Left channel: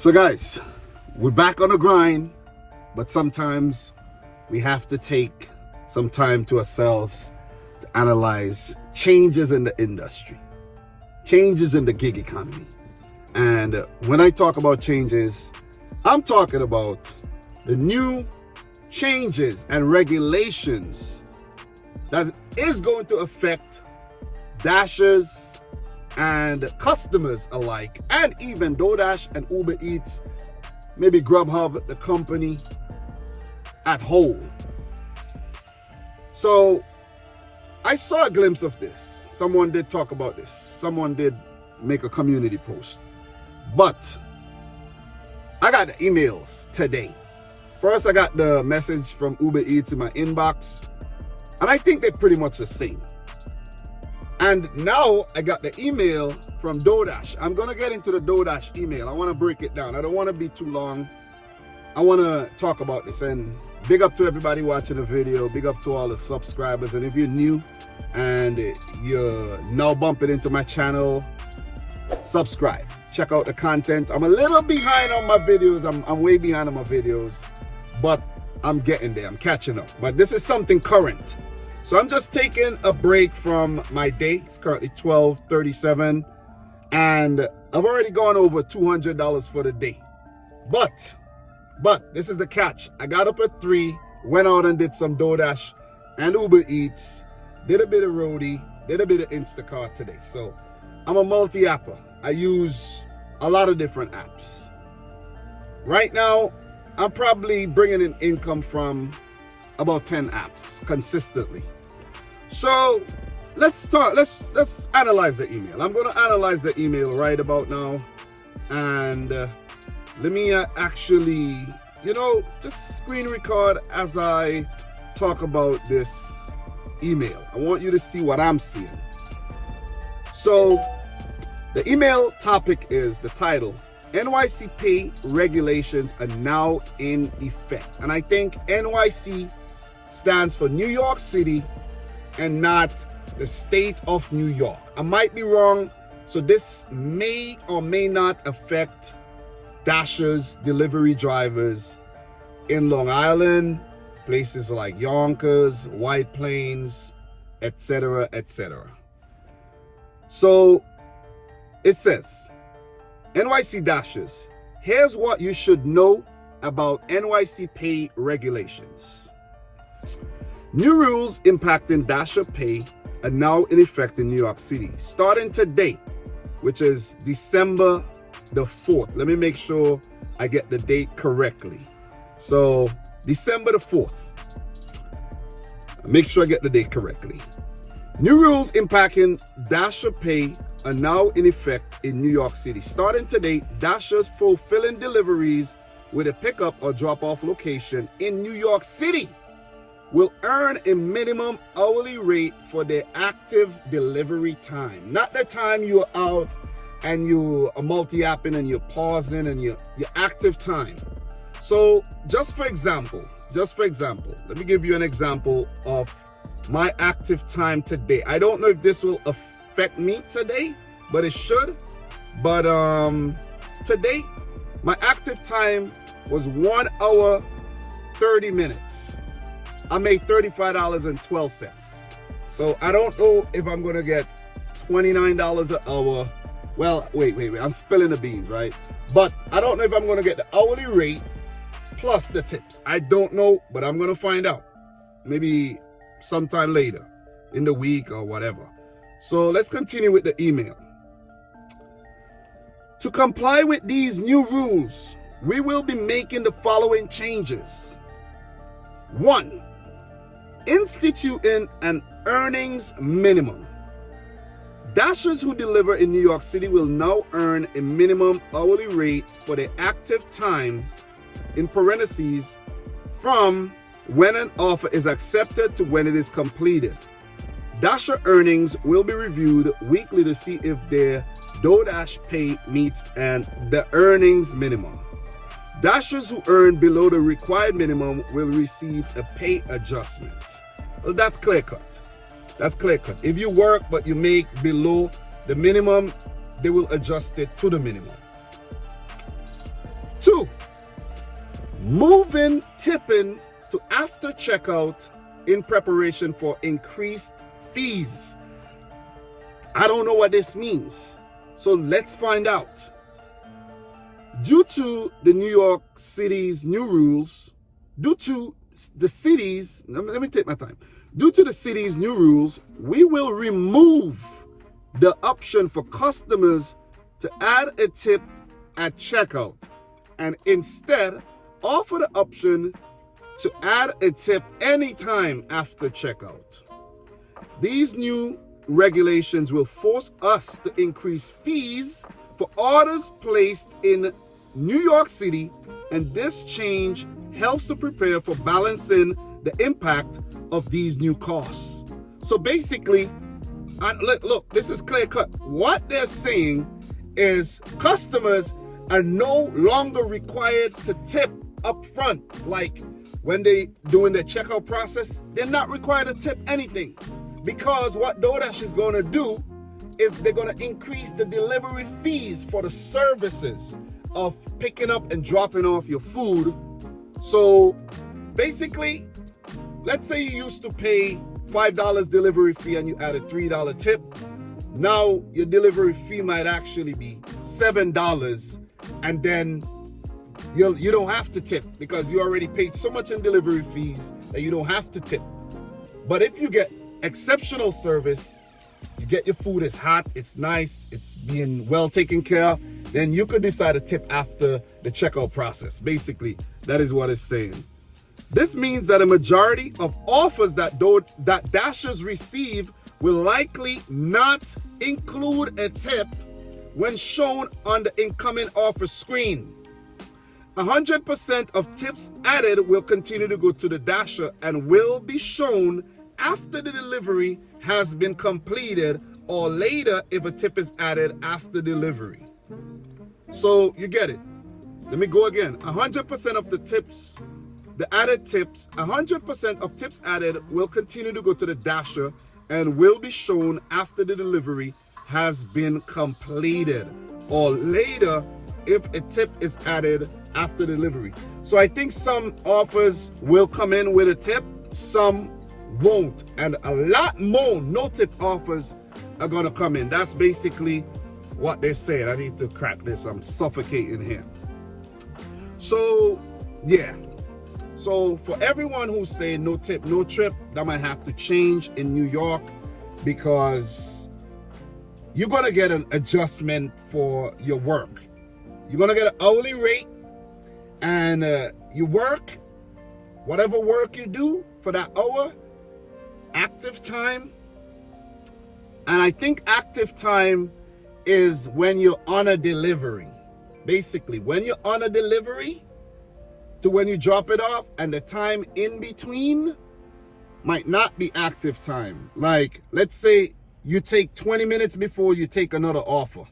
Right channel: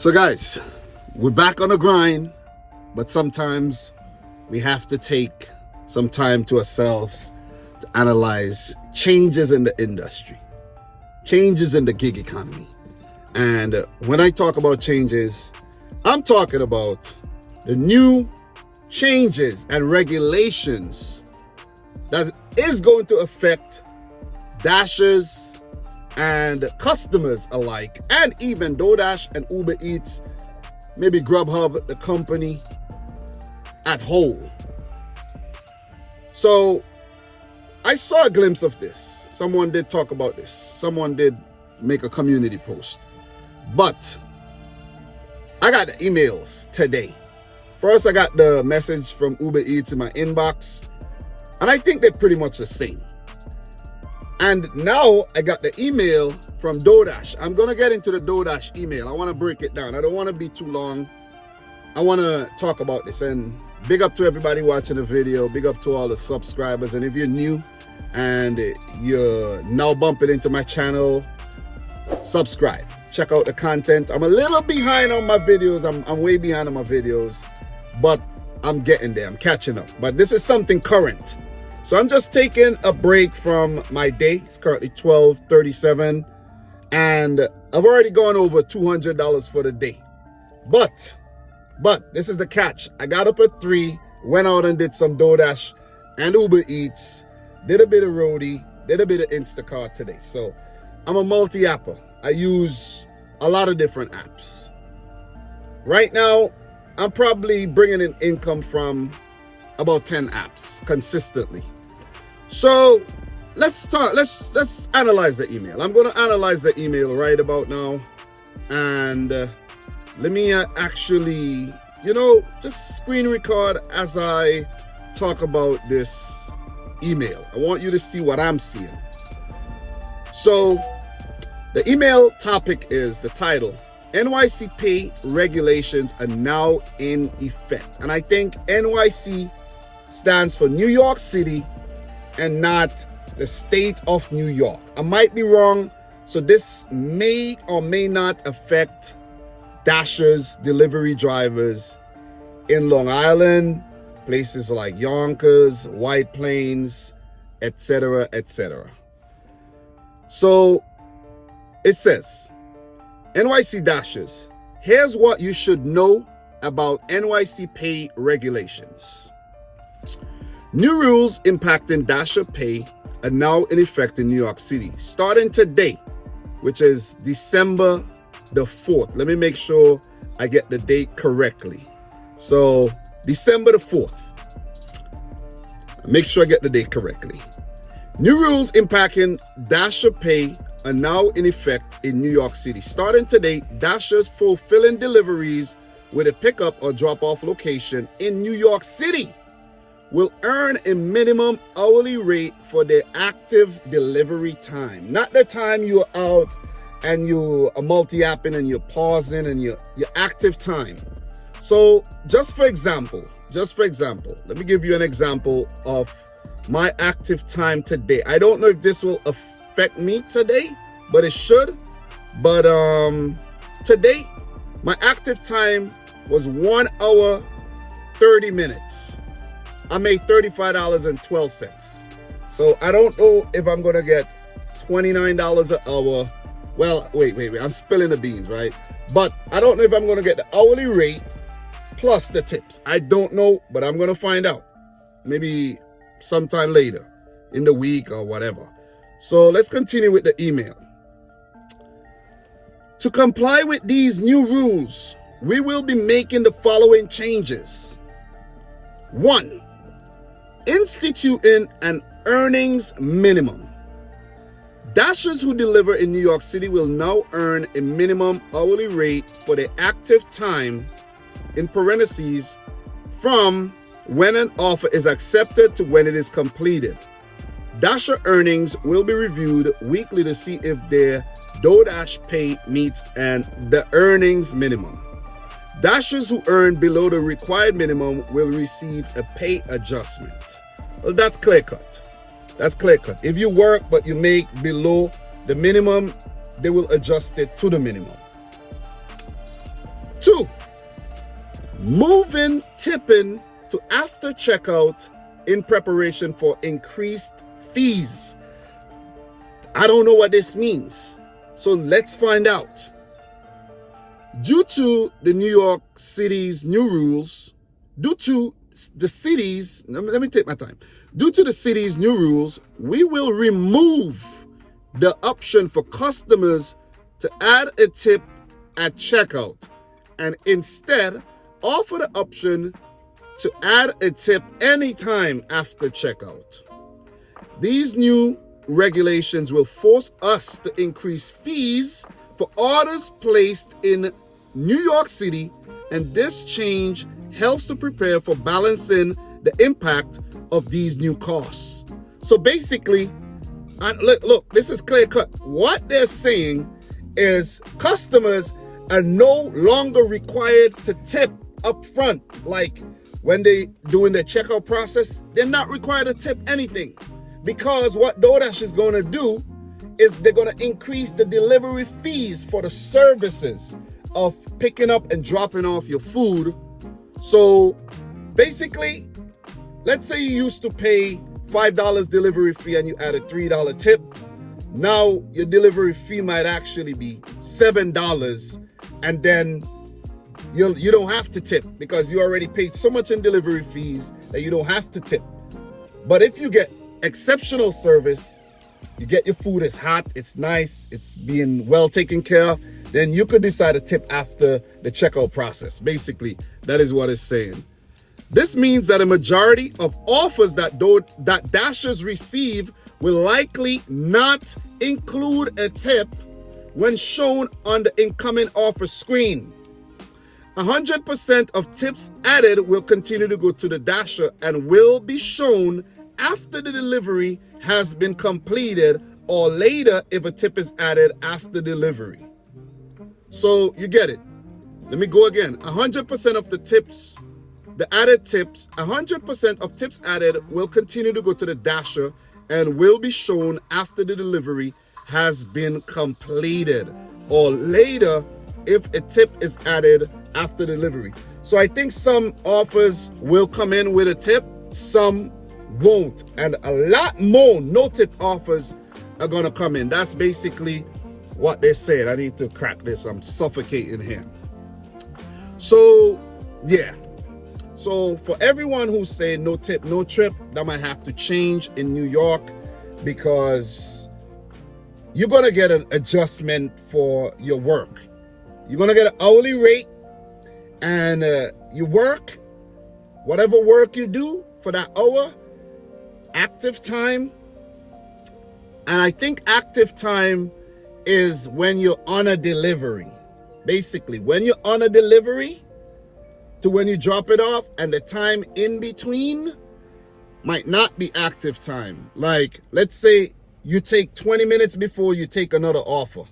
So guys, we're back on the grind, but sometimes we have to take some time to ourselves to analyze changes in the industry, changes in the gig economy. And when I talk about changes, I'm talking about the new changes and regulations that is going to affect dashers and customers alike, and even DoorDash and Uber Eats, maybe Grubhub, the company at whole. So I saw a glimpse of this. Someone did talk about this. Someone did make a community post. But I got the emails today. First, I got the message from Uber Eats in my inbox, and I think they're pretty much the same. And now I got the email from DoorDash. I'm going to get into the DoorDash email. I want to break it down. I don't want to be too long. I want to talk about this. And big up to everybody watching the video. Big up to all the subscribers. And if you're new and you're now bumping into my channel, subscribe. Check out the content. I'm a little behind on my videos. I'm way behind on my videos. But I'm getting there. I'm catching up. But this is something current. So I'm just taking a break from my day. It's currently 12:37, and I've already gone over $200 for the day. But this is the catch. I got up at 3, went out and did some DoorDash and Uber Eats, did a bit of Roadie, did a bit of Instacart today. So I'm a multi-apper. I use a lot of different apps. Right now, I'm probably bringing in income from about 10 apps consistently. So let's analyze the email. I'm going to analyze the email right about now, and let me actually, just screen record as I talk about this email. I want you to see what I'm seeing. So the email topic is the title: NYC pay regulations are now in effect. And I think NYC stands for New York City and not the state of New York. I might be wrong, so this may or may not affect dashers, delivery drivers in Long Island, places like Yonkers, White Plains, etc., etc. So it says, NYC dashers, here's what you should know about NYC pay regulations. New rules impacting dasher pay are now in effect in New York City, starting today, which is December the 4th. Let me make sure I get the date correctly. So December the 4th. Make sure I get the date correctly. New rules impacting dasher pay are now in effect in New York City. Starting today, dashers fulfilling deliveries with a pickup or drop-off location in New York City will earn a minimum hourly rate for their active delivery time. Not the time you're out and you are multi-apping and you're pausing, and your active time. So just for example, let me give you an example of my active time today. I don't know if this will affect me today, but it should. But today, my active time was 1 hour, 30 minutes. I made $35.12. So I don't know if I'm going to get $29 an hour. Well, wait. I'm spilling the beans, right? But I don't know if I'm going to get the hourly rate plus the tips. I don't know, but I'm going to find out. Maybe sometime later in the week or whatever. So let's continue with the email. To comply with these new rules, we will be making the following changes. 1. Instituting an earnings minimum. Dashers who deliver in New York City will now earn a minimum hourly rate for their active time, in parentheses, from when an offer is accepted to when it is completed. Dasher earnings will be reviewed weekly to see if their DoorDash pay meets the earnings minimum. Dashers who earn below the required minimum will receive a pay adjustment. Well, that's clear cut. If you work but you make below the minimum, they will adjust it to the minimum. moving tipping to after checkout in preparation for increased fees. I don't know what this means, so let's find out. Due to the New York City's new rules, due to the city's new rules, we will remove the option for customers to add a tip at checkout and instead offer the option to add a tip anytime after checkout. These new regulations will force us to increase fees for orders placed in New York City, and this change helps to prepare for balancing the impact of these new costs. So basically, look, this is clear cut. What they're saying is customers are no longer required to tip up front. Like when they doing the checkout process, they're not required to tip anything, because what DoorDash is going to do is they're going to increase the delivery fees for the services of picking up and dropping off your food. So basically, let's say you used to pay $5 delivery fee and you add a $3 tip. Now your delivery fee might actually be $7, and then you don't have to tip because you already paid so much in delivery fees that you don't have to tip. But if you get exceptional service, you get your food, it's hot, it's nice, it's being well taken care of, then you could decide to tip after the checkout process. Basically, that is what it's saying. This means that a majority of offers that Dashers receive will likely not include a tip when shown on the incoming offer screen. 100% of tips added will continue to go to the Dasher and will be shown after the delivery has been completed or later if a tip is added after delivery. So you get it. Let me go again. 100% of the tips, the added tips, 100% of tips added will continue to go to the Dasher and will be shown after the delivery has been completed or later if a tip is added after delivery. So I think some offers will come in with a tip, some won't, and a lot more no tip offers are gonna come in. That's basically what they said. I need to crack this, I'm suffocating here. So yeah, so for everyone who's saying no tip no trip, that might have to change in New York, because you're gonna get an adjustment for your work. You're gonna get an hourly rate, and you work whatever work you do for that hour, active time. And I think active time is when you're on a delivery. Basically, when you're on a delivery to when you drop it off, and the time in between might not be active time. Like, let's say you take 20 minutes before you take another offer.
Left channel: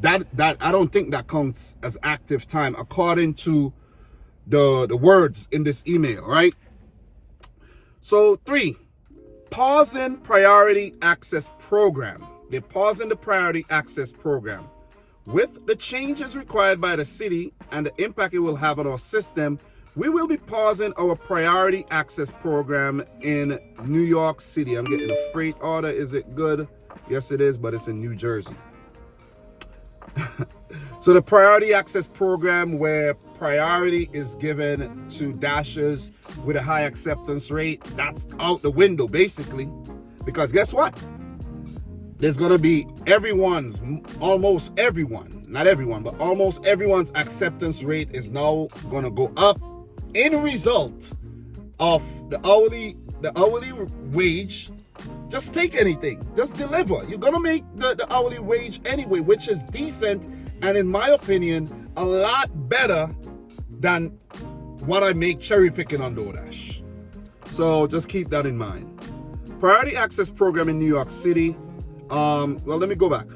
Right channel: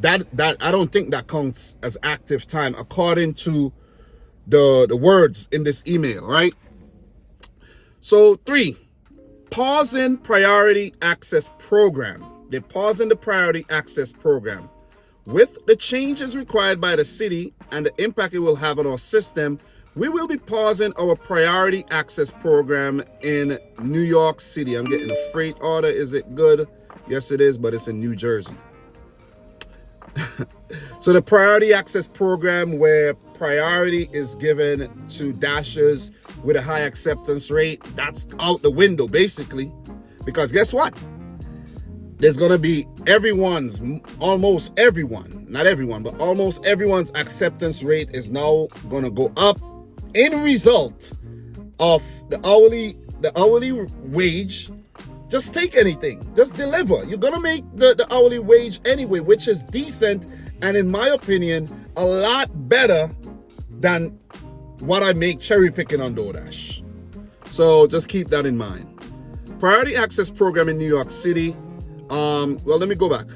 That I don't think that counts as active time according to the words in this email, right? So 3, pausing priority access program. They're pausing the priority access program. With the changes required by the city and the impact it will have on our system, we will be pausing our priority access program in New York City. I'm getting a freight order. Is it good? Yes, it is, but it's in New Jersey. So the priority access program, where priority is given to Dashers with a high acceptance rate, that's out the window basically, because guess what? There's going to be almost everyone, not everyone, but almost everyone's acceptance rate is now going to go up in result of the hourly wage. Just take anything, just deliver. You're going to make the hourly wage anyway, which is decent, and in my opinion, a lot better than what I make cherry picking on DoorDash. So just keep that in mind. Priority access program in New York City. Well, let me go back.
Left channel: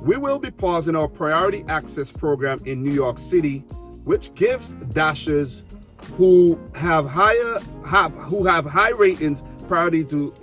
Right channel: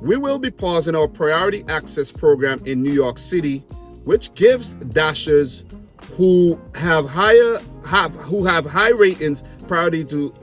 We will be pausing our priority access program in New York City, which gives Dashers who have high ratings priority to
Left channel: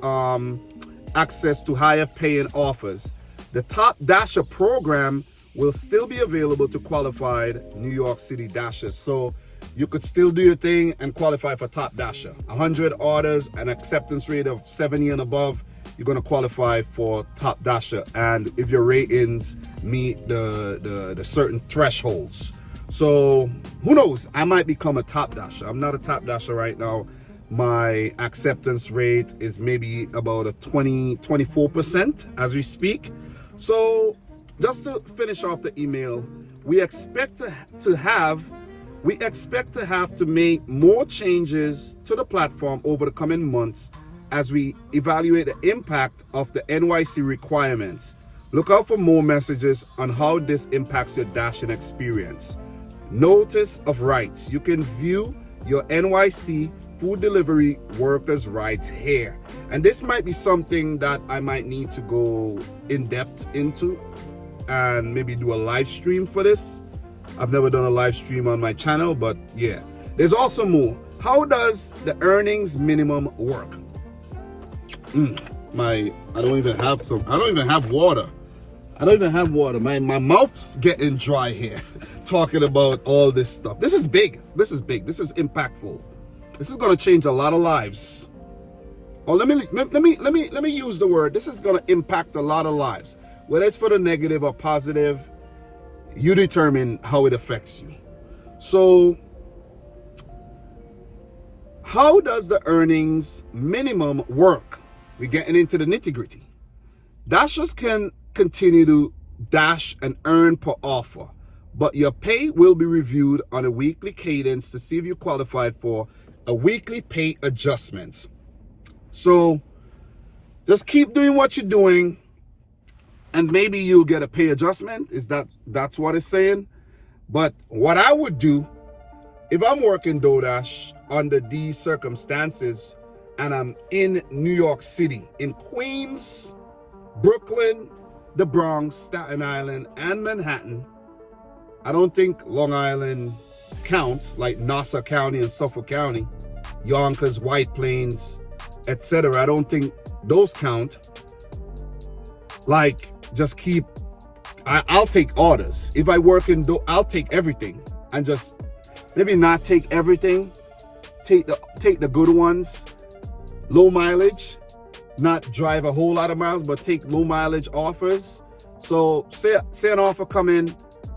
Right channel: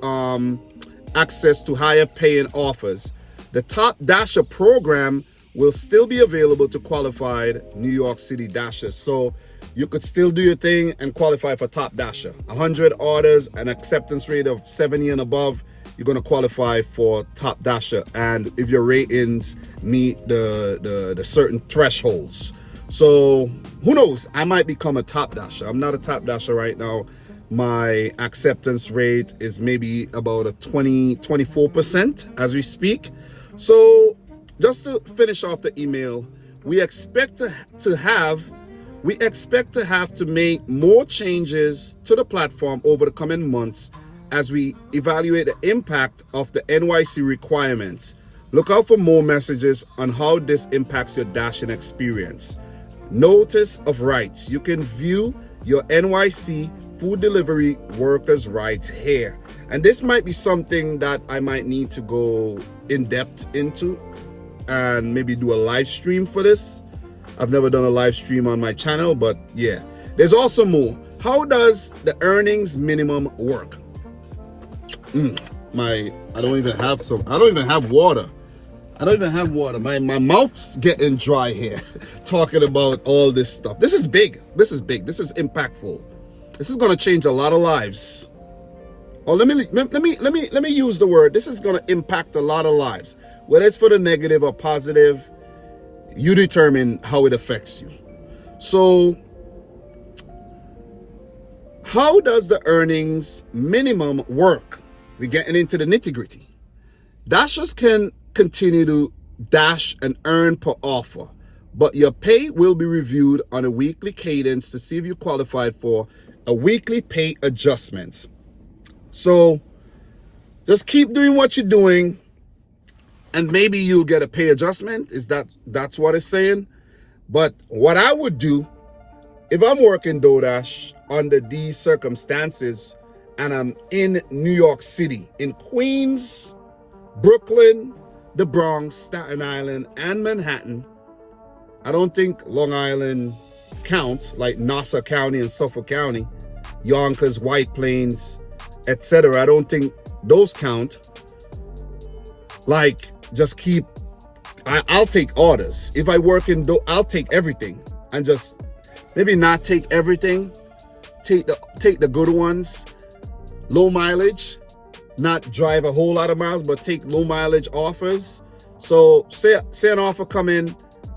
access to higher paying offers. The top Dasher program will still be available to qualified New York City dashers. So you could still do your thing and qualify for top dasher. 100 orders, an acceptance rate of 70 and above, you're going to qualify for top dasher. And if your ratings meet the certain thresholds. So who knows? I might become a top dasher. I'm not a top dasher right now. My acceptance rate is maybe about a 24% as we speak. So just to finish off the email, we expect to have to make more changes to the platform over the coming months as we evaluate the impact of the NYC requirements. Look out for more messages on how this impacts your dashing experience. Notice of rights. You can view your NYC food delivery workers' rights here. And this might be something that I might need to go in depth into and maybe do a live stream for this. I've never done a live stream on my channel, but yeah. There's also more. How does the earnings minimum work? I don't even have water. My mouth's getting dry here talking about all this stuff. This is big. This is impactful. This is going to change a lot of lives. Oh, let me use the word. This is going to impact a lot of lives. Whether it's for the negative or positive, you determine how it affects you. So, how does the earnings minimum work? We're getting into the nitty-gritty. Dashers can continue to dash and earn per offer, but your pay will be reviewed on a weekly cadence to see if you qualified for a weekly pay adjustments. So just keep doing what you're doing and maybe you'll get a pay adjustment. That's what it's saying? But what I would do if I'm working DoorDash under these circumstances and I'm in New York City, in Queens, Brooklyn, the Bronx, Staten Island, and Manhattan. I don't think Long Island counts, like Nassau County and Suffolk County, Yonkers, White Plains, etc. I don't think those count. Like, just I'll take orders. If I work I'll take everything and just maybe not take everything. Take the good ones, low mileage, not drive a whole lot of miles, but take low mileage offers. So say an offer come in,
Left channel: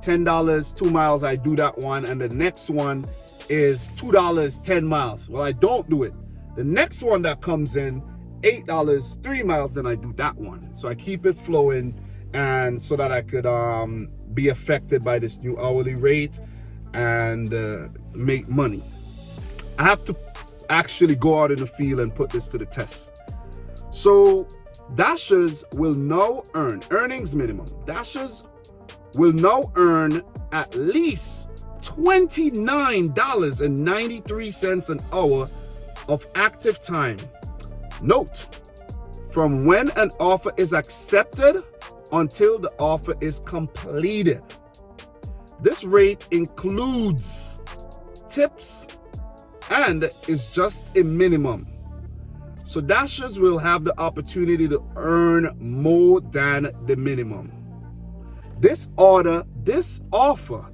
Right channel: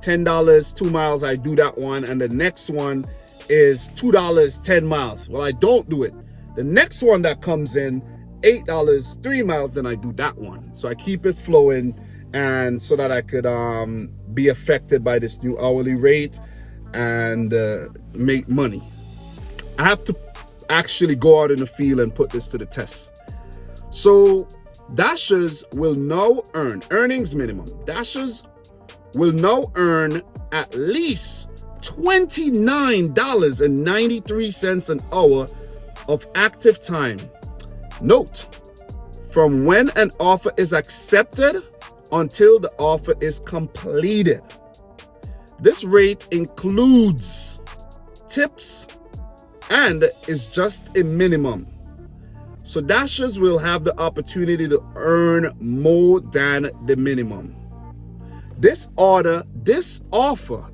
$10, 2 miles, I do that one. And the next one is $2, 10 miles. Well, I don't do it. The next one that comes in, $8, 3 miles, and I do that one. So I keep it flowing and so that I could be affected by this new hourly rate and make money. I have to actually go out in the field and put this to the test. So dashers will now earn earnings minimum. Dashers will now earn at least $29.93 an hour of active time. Note, from when an offer is accepted until the offer is completed. This rate includes tips and is just a minimum. So dashers will have the opportunity to earn more than the minimum. This offer,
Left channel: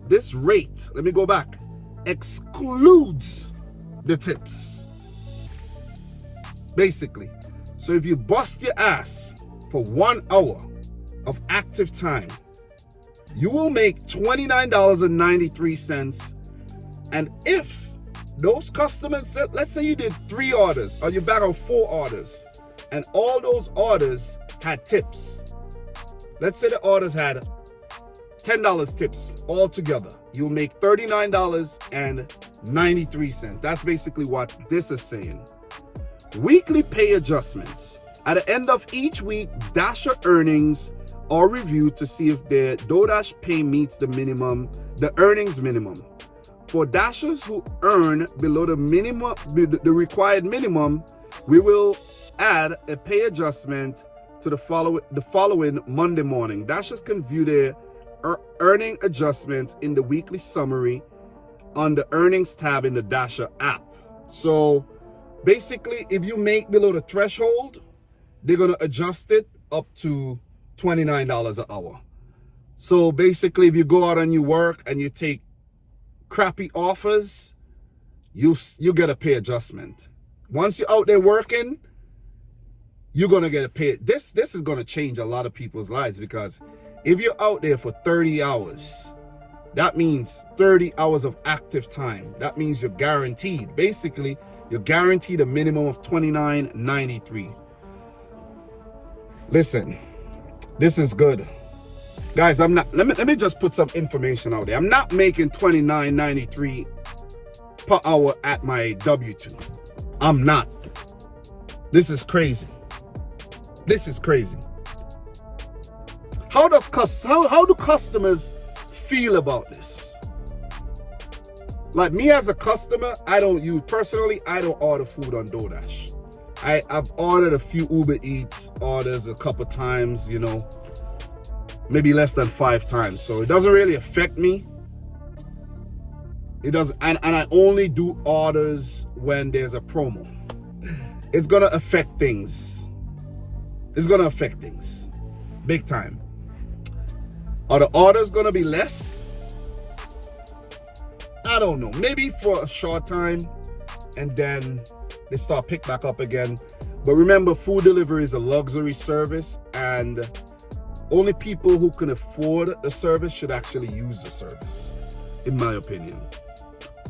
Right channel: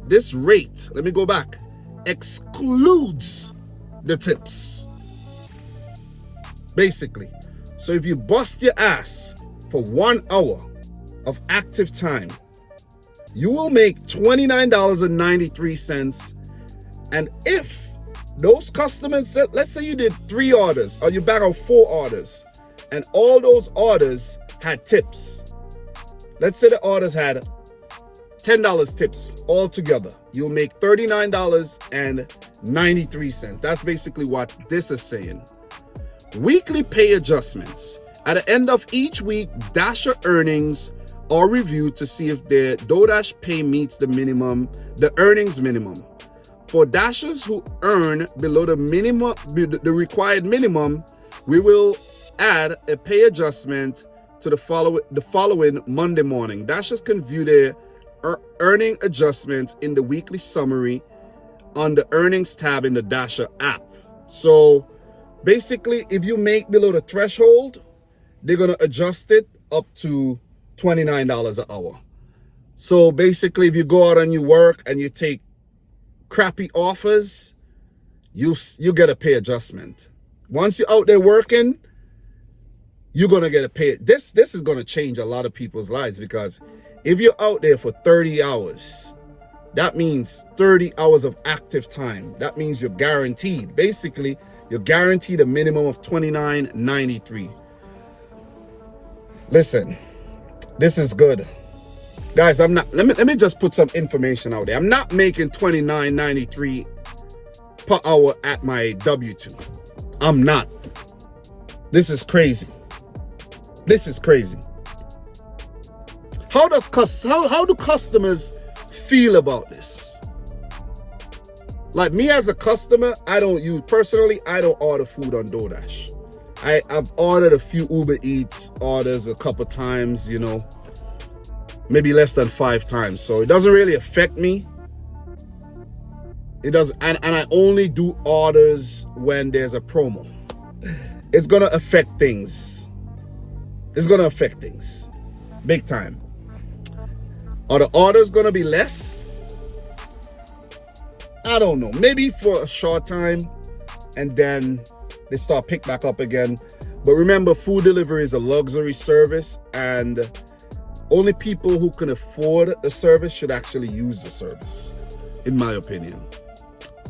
this rate, let me go back, excludes the tips. Basically. So if you bust your ass for 1 hour of active time, you will make $29.93. And if those customers, let's say you did 3 orders or you back out 4 orders and all those orders had tips. Let's say the orders had $10 tips all together. You'll make $39.93. That's basically what this is saying. Weekly pay adjustments. At the end of each week, Dasher earnings are reviewed to see if their DoorDash pay meets the earnings minimum. For Dashers who earn below the required minimum, we will add a pay adjustment to the following Monday morning. Dashers can view their earning adjustments in the weekly summary on the earnings tab in the Dasher app. So basically, if you make below the threshold, they're going to adjust it up to $29 an hour. So basically, if you go out and you work and you take crappy offers, you get a pay adjustment. Once you're out there working, you're gonna get a pay. This is gonna change a lot of people's lives, because if you're out there for 30 hours, that means 30 hours of active time. That means you're guaranteed. Basically, you're guaranteed a minimum of $29.93. Listen, this is good. Guys, I'm not, let me just put some information out there. I'm not making $29.93 per hour at my W-2. I'm not. This is crazy. This is crazy. How do customers feel about this? Like me as a customer, I don't order food on DoorDash. I've ordered a few Uber Eats orders a couple times, you know, maybe less than 5 times. So it doesn't really affect me. It doesn't, and I only do orders when there's a promo. It's gonna affect things. It's gonna affect things big time. Are the orders gonna be less? I don't know. Maybe for a short time, and then they start pick back up again. But remember, food delivery is a luxury service, and only people who can afford the service should actually use the service, in my opinion.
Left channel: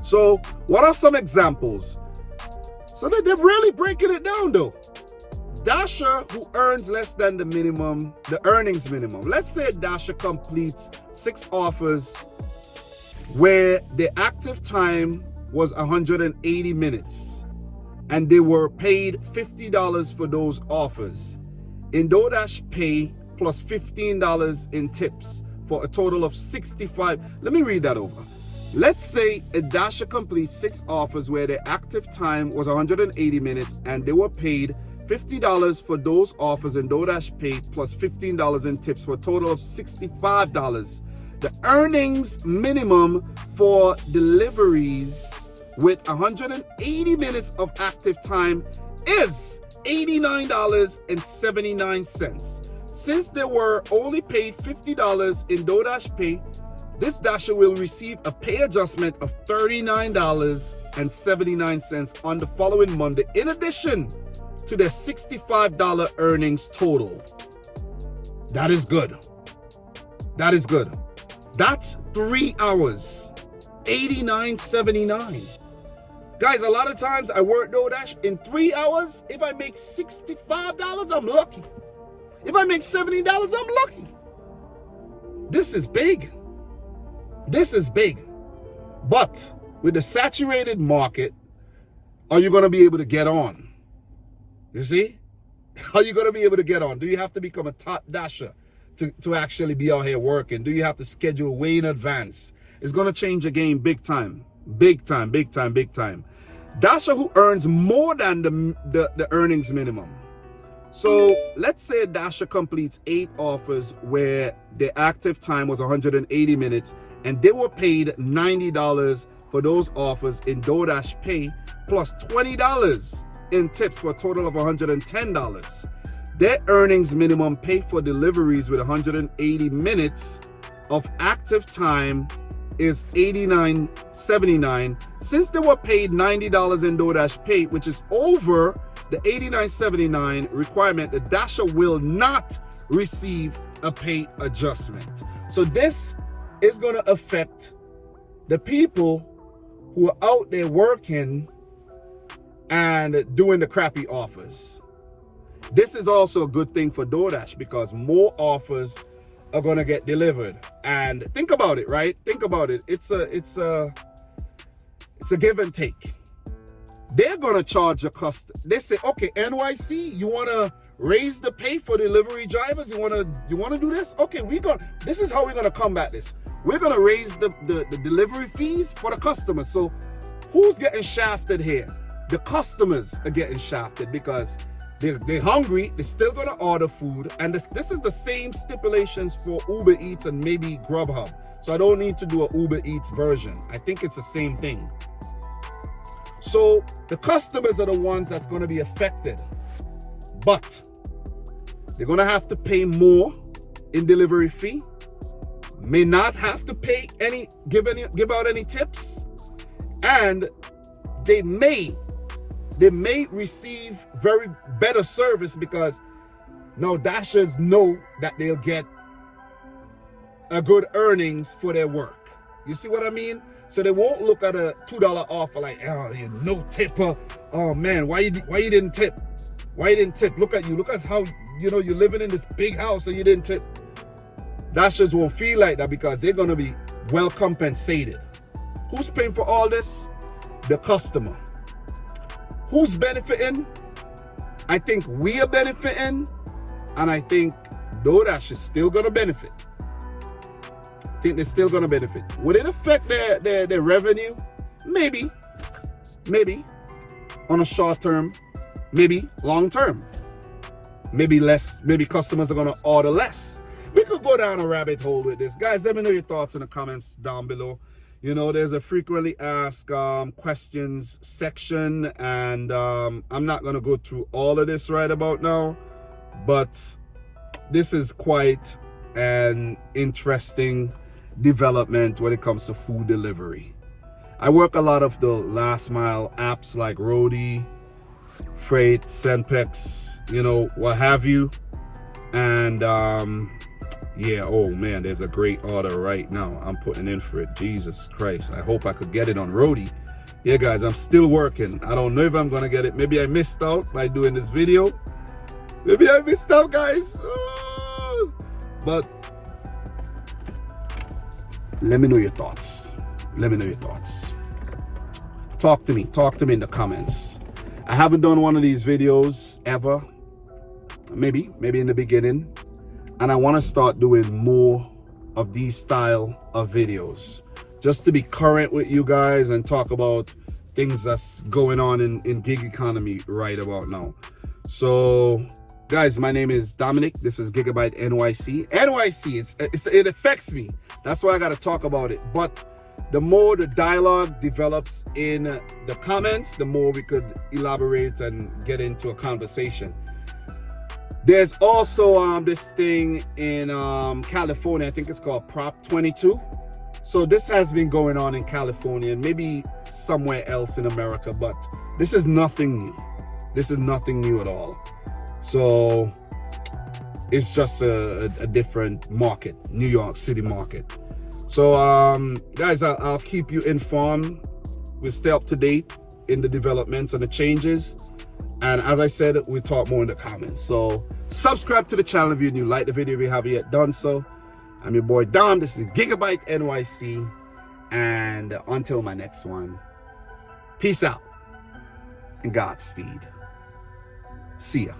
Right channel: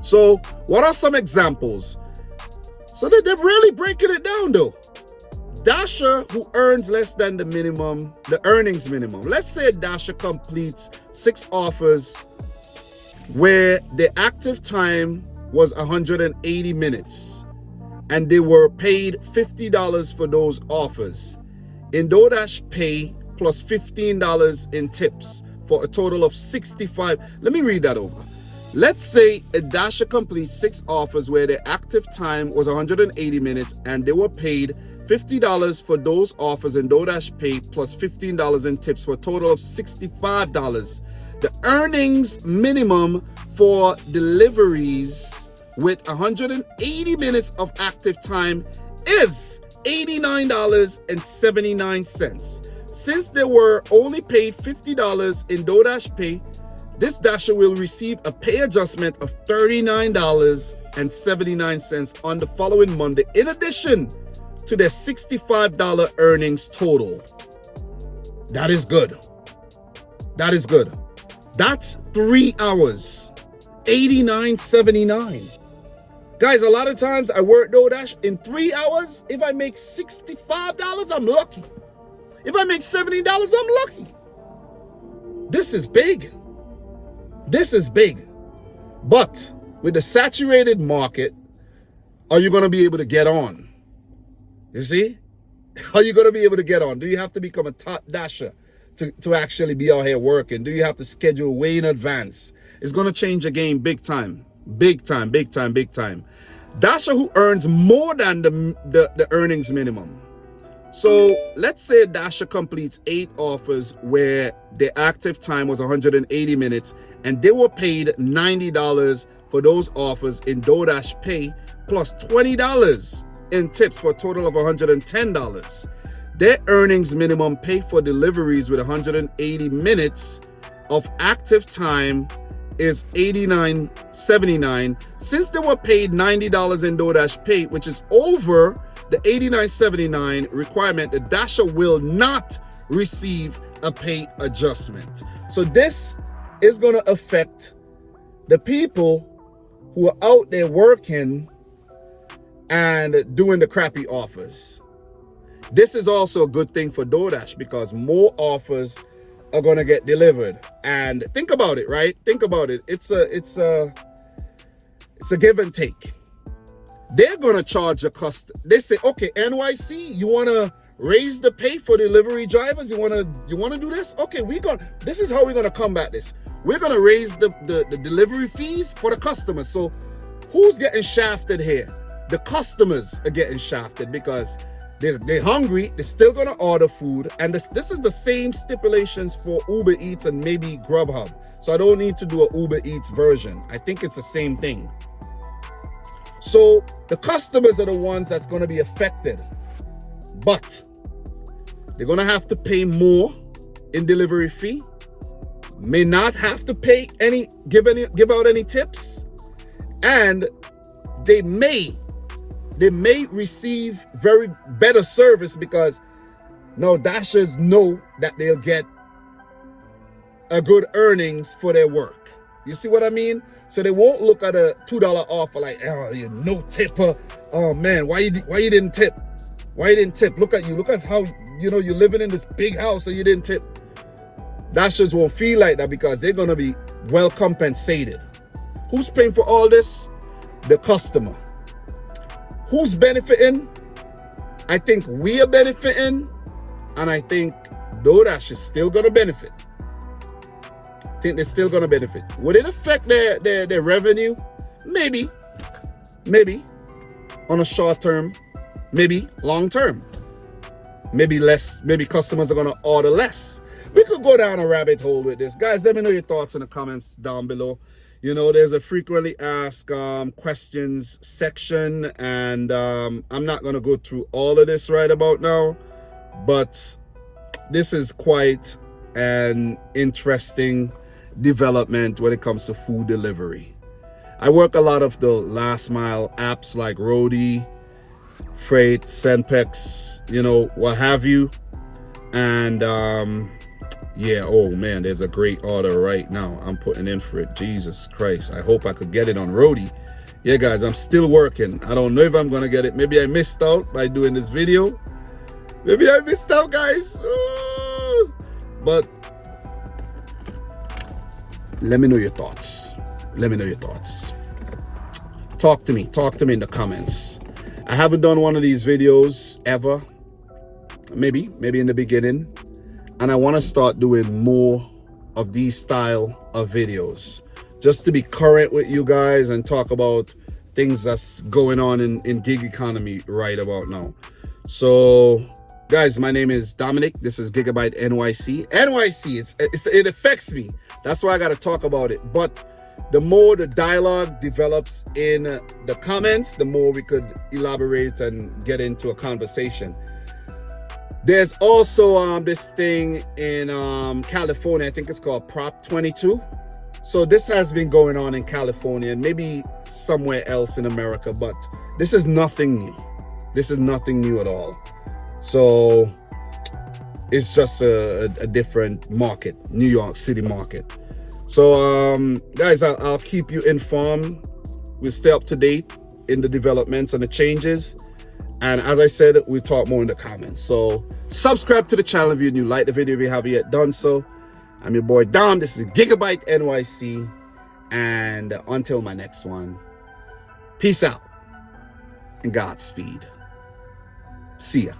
So what are some examples? So they're really breaking it down though. Dasher who earns less than the minimum, the earnings minimum. Let's say Dasher completes 6 offers where the active time was 180 minutes and they were paid $50 for those offers. In DoorDash Pay plus $15 in tips for a total of $65. Let me read that over. Let's say a Dasher completes 6 offers where their active time was 180 minutes and they were paid $50 for those offers in DoorDash Pay plus $15 in tips for a total of $65. The earnings minimum for deliveries with 180 minutes of active time is $89.79. Since they were only paid $50 in DoorDash Pay, this Dasher will receive a pay adjustment of $39.79 on the following Monday, in addition to their $65 earnings total. That is good. That is good. That's 3 hours, $89.79. Guys, a lot of times I work DoorDash in 3 hours. If I make $65, I'm lucky. If I make $70, I'm lucky. This is big. This is big. But with the saturated market, are you going to be able to get on? You see? Are you going to be able to get on? Do you have to become a top Dasher to actually be out here working? Do you have to schedule way in advance? It's going to change the game big time. Big time, big time, big time. Dasher who earns more than the earnings minimum. So let's say Dasher completes 8 offers where their active time was 180 minutes and they were paid $90 for those offers in DoorDash Pay plus $20 in tips for a total of $110. Their earnings minimum pay for deliveries with 180 minutes of active time is $89.79. Since they were paid $90 in DoorDash Pay, which is over the $89.79 requirement, the Dasher will not receive a pay adjustment. So this is going to affect the people who are out there working and doing the crappy offers. This is also a good thing for DoorDash because more offers are going to get delivered. And think about it, right? Think about it. It's a give and take. They're going to charge a customer. They say, okay, NYC, you want to raise the pay for delivery drivers? You want to do this? Okay, this is how we're going to combat this. We're going to raise the delivery fees for the customers. So who's getting shafted here? The customers are getting shafted because they're hungry. They're still going to order food. And this is the same stipulations for Uber Eats and maybe Grubhub. So I don't need to do an Uber Eats version. I think it's the same thing. So the customers are the ones that's going to be affected. But they're going to have to pay more in delivery fee. may not have to give out any tips, and they may receive very better service because now Dashers know that they'll get a good earnings for their work. You see what I mean? So they won't look at a $2 offer like, oh, you're no tipper. Oh man, why you didn't tip? Why you didn't tip? Look at you. Look at how, you're living in this big house and you didn't tip. Dashers won't feel like that because they're gonna be well compensated. Who's paying for all this? The customer. Who's benefiting? I think we are benefiting, and I think DoorDash is still gonna benefit. I think they're still gonna benefit. Would it affect their revenue? Maybe. On a short term, maybe long term. Maybe less, maybe customers are gonna order less. We could go down a rabbit hole with this. Guys, let me know your thoughts in the comments down below. There's a frequently asked questions section, and I'm not gonna go through all of this right about now, but this is quite an interesting development when it comes to food delivery. I work a lot of the last mile apps like Roadie, Freight, Senpex, what have you. And yeah, oh man, there's a great order right now. I'm putting in for it. Jesus Christ. I hope I could get it on Roadie. Yeah, guys, I'm still working. I don't know if I'm gonna get it. Maybe I missed out by doing this video. Maybe I missed out, guys. But let me know your thoughts. Let me know your thoughts. Talk to me in the comments. I haven't done one of these videos ever. Maybe in the beginning. And I want to start doing more of these style of videos just to be current with you guys and talk about things that's going on in gig economy right about now. So guys, my name is Dominic. This is Gigabyte NYC. It affects me. That's why I got to talk about it. But the more the dialogue develops in the comments, the more we could elaborate and get into a conversation. There's also this thing in California. I think it's called Prop 22. So this has been going on in California and maybe somewhere else in America, but this is nothing new. This is nothing new at all. So it's just a different market, New York City market. So guys, I'll keep you informed. We'll stay up to date in the developments and the changes. And as I said, we'll talk more in the comments. So subscribe to the channel if you're new. Like the video if you haven't yet done so. I'm your boy Dom. This is Gigabyte NYC. And until my next one, peace out and Godspeed. See ya.